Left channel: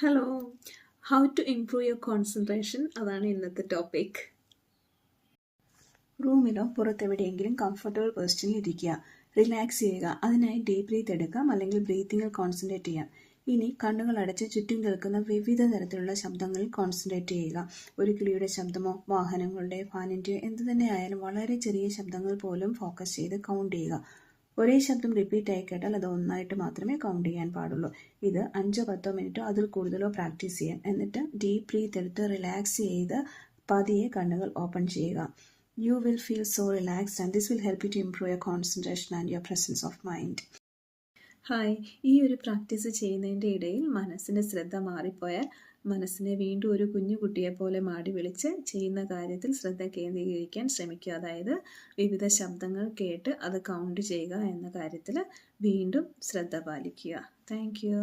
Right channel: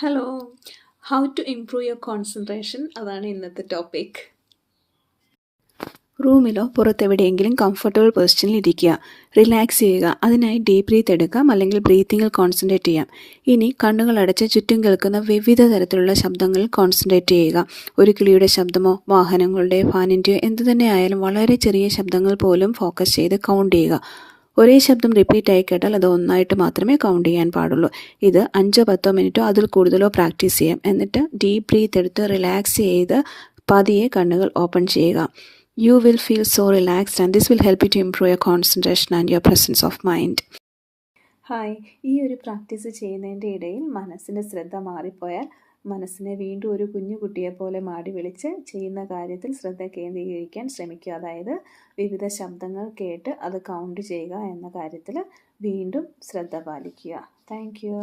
Hello, how to improve your concentration അതാണ് ഇന്നത്തെ topic. റൂമിലോ പുറത്തെവിടെയെങ്കിലും comfortable പൊസിഷനിൽ ഇരിക്കുക, റിലാക്സ് ചെയ്യുക. അതിനായി ഡീപ് ബ്രീത്ത് എടുക്കാം, അല്ലെങ്കിൽ ബ്രീത്തിങ്ങിൽ കോൺസെൻട്രേറ്റ് ചെയ്യാം. ഇനി കണ്ണുകൾ അടച്ച് ചുറ്റും കേൾക്കുന്ന വിവിധ തരത്തിലുള്ള ശബ്ദങ്ങളിൽ കോൺസെൻട്രേറ്റ് ചെയ്യുക. ഒരു കിളിയുടെ ശബ്ദമോ വാഹനങ്ങളുടെ ഫാനിൻ്റെയോ എന്തു തന്നെ ആയാലും വളരെ ചെറിയ ശബ്ദങ്ങൾ പോലും ഫോക്കസ് ചെയ്ത് കൗണ്ട് ചെയ്യുക. ഒരേ ശബ്ദം റിപ്പീറ്റ് ആയി കേട്ടാൽ അത് ഒന്നായിട്ട് മാത്രമേ കൗണ്ട് ചെയ്യാൻ പാടുള്ളൂ. ഇത് 5-10 മിനിറ്റോ അതിൽ കൂടുതലോ പ്രാക്ടീസ് ചെയ്യാം. എന്നിട്ട് ഡീപ് ബ്രീത്ത് എടുത്ത് റിലാക്സ് ചെയ്ത് പതിയെ കണ്ണുകൾ ഓപ്പൺ ചെയ്യുക. You will feel so relaxed and this will help you to improve your concentration and your presence of mind. Hi, ഈ ഒരു പ്രാക്ടീസ് ചെയ്യുന്നതിൻ്റെ ഇടയിൽ മനസ്സിൻ്റെ ശ്രദ്ധ മാറിപ്പോയാൽ മനസ്സിനെ വീണ്ടും ഒരു കുഞ്ഞു കുട്ടിയെ പോലെ മാടി വിളിച്ച് ചെയ്യുന്ന കാര്യത്തിൽ ശ്രദ്ധ കേന്ദ്രീകരിക്കാൻ ശ്രമിക്കുക. അതായത് വിവിധ ശബ്ദങ്ങൾ കേട്ട് അത് കൗണ്ട് ചെയ്യുക എന്ന കാര്യത്തിൽ വീണ്ടും ശ്രദ്ധ പാലിക്കുക. Thank you.